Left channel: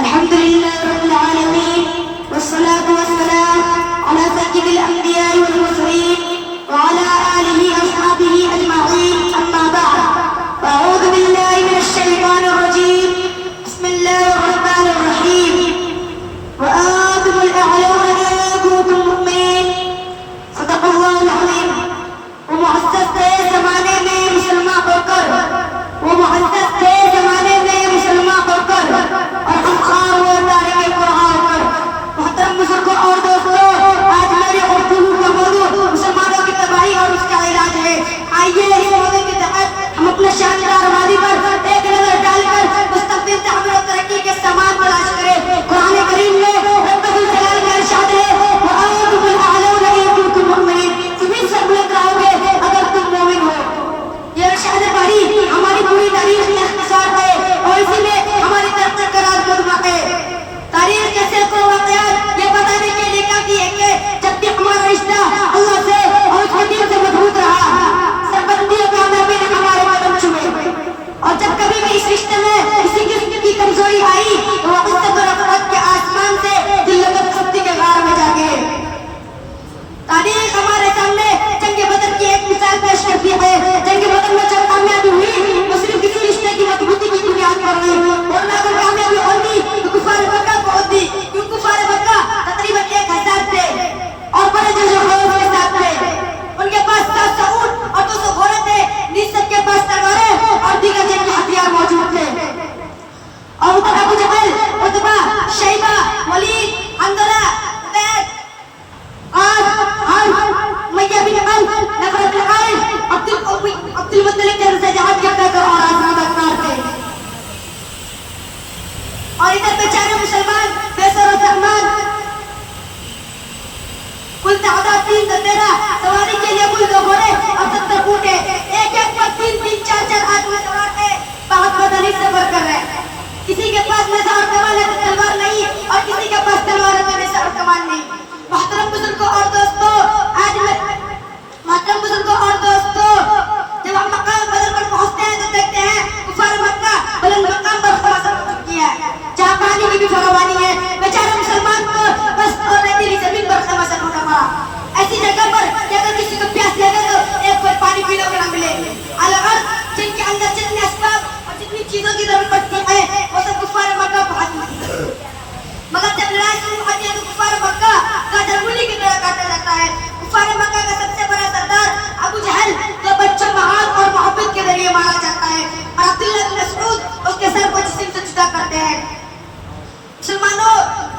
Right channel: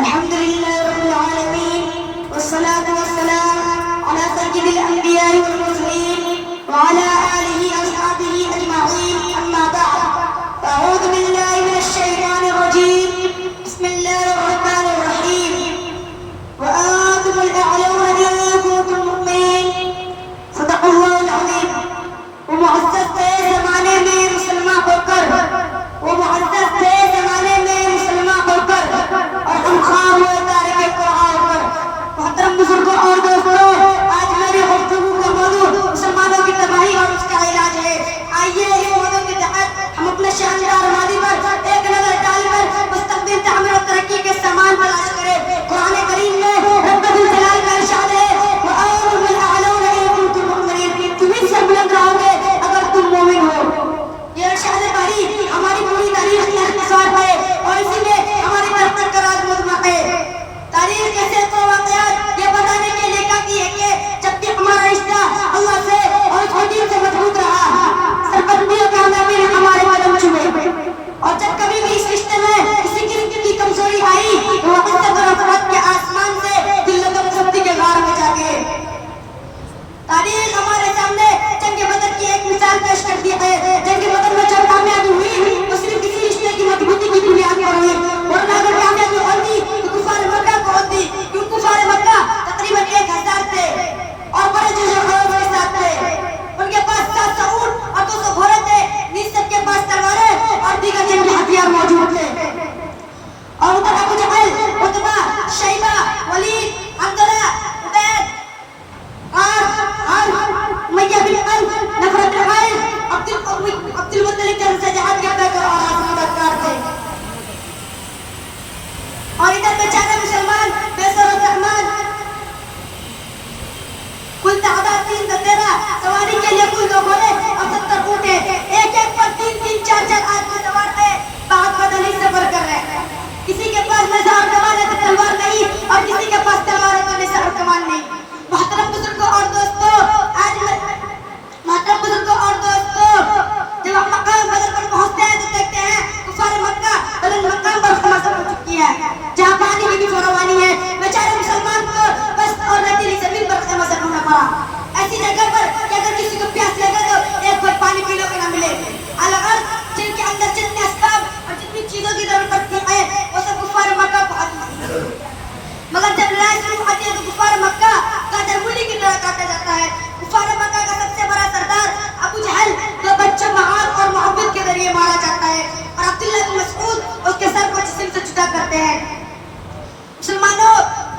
अल्हम्दुलिल्लाह रब्बिल आलमीन वस्सलातु वस्सलाम अला सय्यिदिल अंबिया'i वल मुरसलीन व अला आलिहि अस्हाबिहि अजमईन अम्मा बअद अऊज़ु बिल्लाहि मिनश शैतानिर रजीम बिस्मिल्लाहिर रहमानिर रहीम व आंतुमुल अ'लाऊना इन कुंतुम मुमिनीन सदक़ल्लाहुल अज़ीम। वो मुअज़्ज़ज़ थे ज़माने में मुसलमान होकर, वो मुअज़्ज़ज़ थे ज़माने में मुसलमान होकर और खुदखा हुए तारीख़ कुरान होकर। मोहतरम बुजुर्गों और दोस्तों, आज मेरी गुफ्तगू का मौजू मुसलमानों की तबाही और उसका इलाज है। आइए इस मौजू के तहत हम अपने शानदार मादी पर एक नजर डालकर मुस्तक़बिल तामीर और तरक्की के सामान तलाश करें। कुरान करीम में रब्बुल जलाल का इरशाद है, व आंतुमुल अ'लाऊना इन कुंतुम मुमिनीन, तुम ही सब बुलंद रहोगे अगर तुम मोमिन हो। ये इरशाद बारी हमारी पूरी तारीख में इख्तिसार है और इसी में हमारी तरक्की का राज मौजूद है। तारीख के सैकड़ों वाक़यात ये बताने के लिए काफी है कि जब भी हमारा रिश्ता अल्लाह से और उसके दीन से मजबूत रहा, सरबंदियों की कामयाबी ने हमारे कदम चूमे और जब कभी भी इस रिश्ते में किसी किस्म की कमजोरी आई तो वह इज्जत और रफ़अत के आसमान से जिल्लत और सख्ती के गार में जा गिरे। तारीख हमारे सामने जंग बदर की एक मिसाल पेश करती है। जंग बदर में जब कामयाबी हुई वो सिर्फ किसी रिश्ते की मजबूती की बुनियाद पर हुई, वरना अगर कामयाबी होती तो कुफार मक्का को होती, क्योंकि कुफार मक्का तकरीबन 1000 थे और बड़े जज़ो खौफ के साथ थे। उनके पास 700 ऊंट और 200 घोड़े थे, निज सबके पास तलवारें और दीगर जंगी हथियार मौजूद थे। और उधर अबू जहल, उतबा, शैबा, वलीद, हंज़ला, उबैद, उमय्या बिन खल्फ, नफ़र बिन हारिस, अब्दुल मुत्तलिब जैसे जहाद के पैकर और आज़मादार थे। और इधर बेचारे मुसलमान बेसर और रहमान कुल तादाद 313, सवारी के लिए कुल 2 घोड़े और 70 ऊंट है। एक एक पर 3-3, 4-4 आदमी सवार थे। बहुत बदली से बढ़कर है। किसी के पास नेज़ा और कमान है तो तलवार नहीं, और किसी के पास तलवार है तो नेज़ा और कमान नहीं। मोहतरम बुजुर्गों और दोस्तों, जब हम मकाम बदर पर पहुंचते हैं तो देखते हैं कुफार मक्का बुलंद मकाम पर खलासत हो चुकी है, जहाँ पानी की भी फरावानी है। बेचारे मुसलमान को बस और रेतीली जमीन पर खलासत होना पड़ा। ऐसी जगह पर कि अगर किसी को प्यास लगे तो एक बार पानी पीने को ना मिले। अलग जिनके अंदर जितने असबाब और जितनी चीजों की जरूरत पड़ती है वो सब कुफार मक्का को हाथ में है। मगर जब लड़ाई शुरू होती है तो कुफार मक्का का जरगुली की तरह काटा जाता है। कुफार मक्का का सबसे बड़ा सरदार अबू जहल जो बच्चों में आग और मोहब्बत के जरिए मारा जाता है, और अब्दुल्लाह बिन मसऊद उसके सर को जिस्म से जुदा करते हैं। मुसलमानों,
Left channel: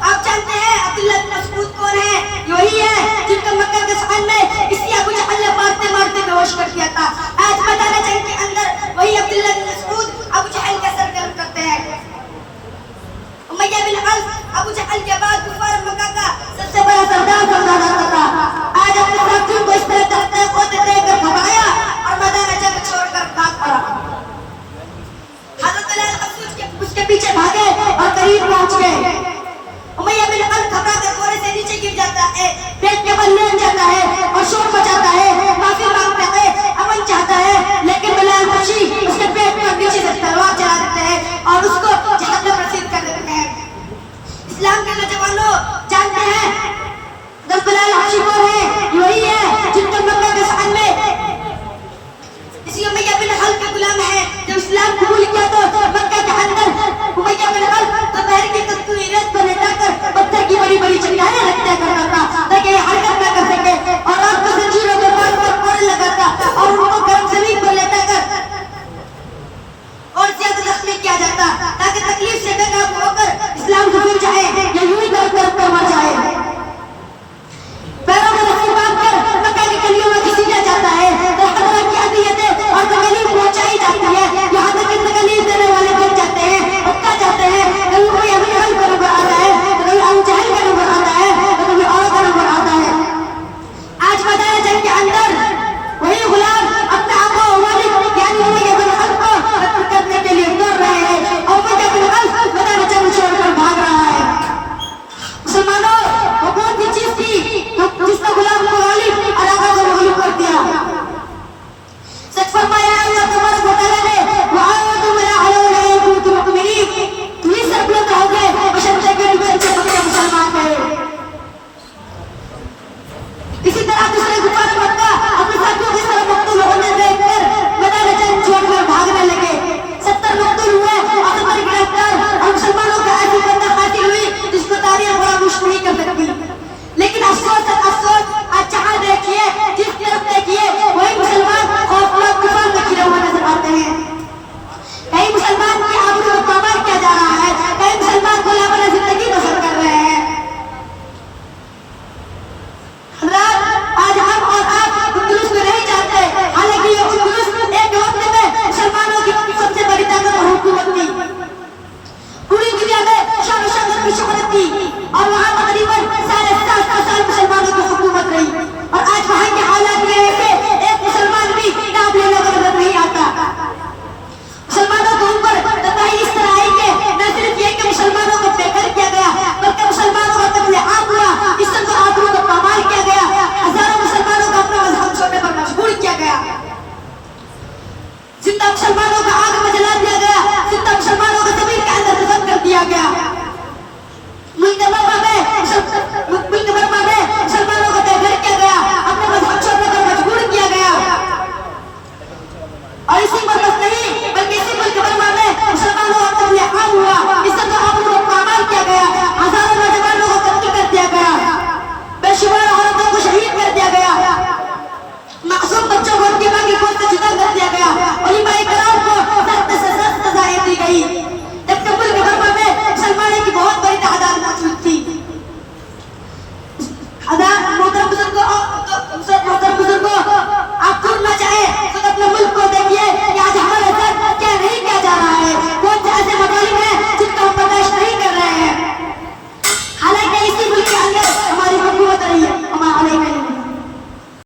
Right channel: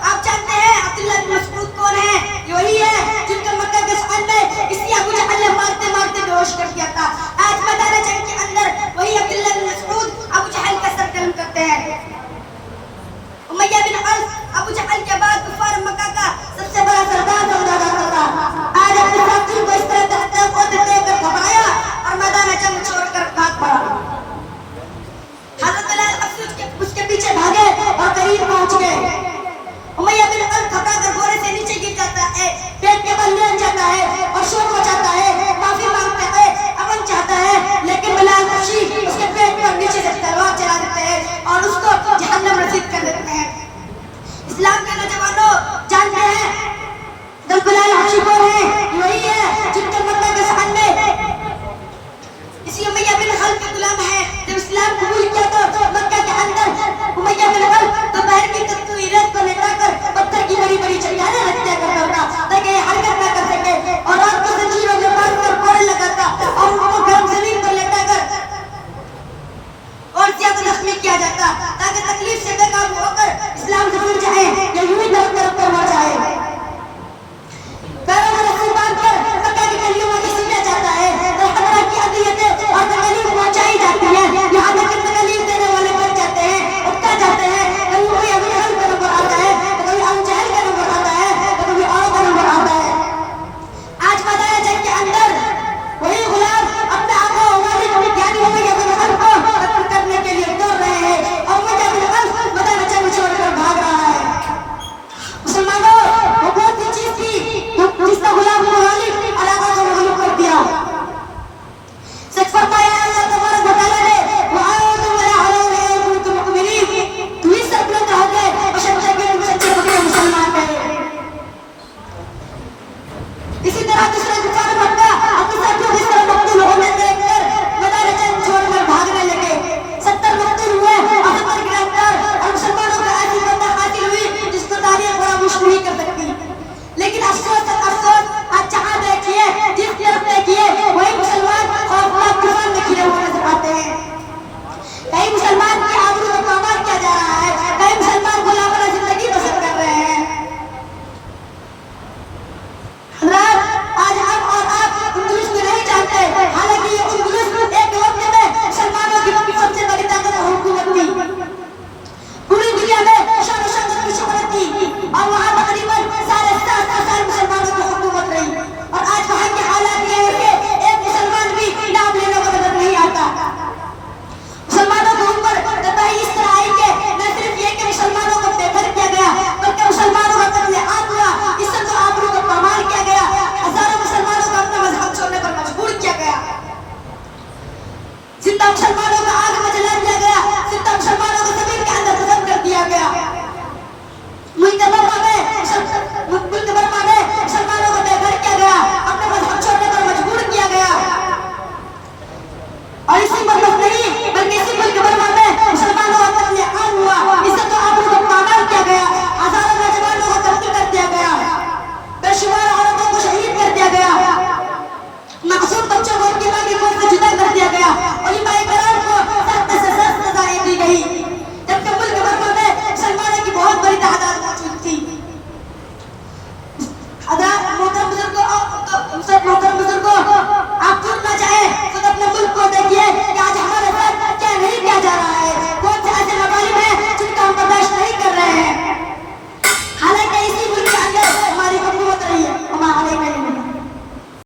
आप जानते हैं अब्दुल्लाह बिन मसऊद कौन है? ये वही है जिनको मक्का के साल में इसी अबू जहल ने मारते मारते बेहोश कर दिया था। आज मैदान जंग के अंदर वही अब्दुल्लाह बिन मसऊद अबू जहल का सर कलम करते हैं। उमय्या बिन खल्फ अबू जहल के बाद कुफार मक्का का सबसे बड़ा सरदार था। आज अपने साथियों को इस तरह धक्का को देकर भगाया और मैदान जंग छोड़कर भाग पड़ा। हज़रत बिलाल उसके पीछे भागे और करीब पहुंच गए। उमय्या बिन खल्फ थकाकर घोड़े से नीचे गिर जाता है, पेट के बल लेट जाता है और शोर मचाता है, माफी मांगता है, अमन चाहता है, लेकिन बिलाल बख्शी उसके पेट पर नीचे से तलवार चला देते हैं और उसको जहन्नम रसीद कर देते हैं। इस्लाम के नौजवानों, जानते हैं जो बिलाल बख्शी कौन है? वही है जिनको मक्का के साल में इसी उमय्या बिन खल्फ के गुलाम है। जब इस्लाम कबूल किया तो मक्का के अंदर उमय्या बिन खल्फ दोपहर की कस्तूरी रेत पर लेटाकर पत्थर की बड़ी बड़ी चट्टानें रखता करता था ताकि हरकत न कर सके, और रात को जंजीरों के बांध कर कोड़े लगाता और उनको गर्म जमीन पर लेटाकर और ज्यादा जख्मी किया जाता ताकि तकलीफ से बेकाबू होकर इस्लाम दूर जाए या यूं ही तरफ कर मर जाए। पैरों में रस्सी बांधकर मक्का की गलियों में घसीटा जाता है, तरह तरह की अदियतें और तकलीफ पहुंचाई जाती है, यहाँ तक कि तकलीफ देने वाले बन जाते हैं, उकता जाते हैं, शान शम्स की शुक्र की और वहाँ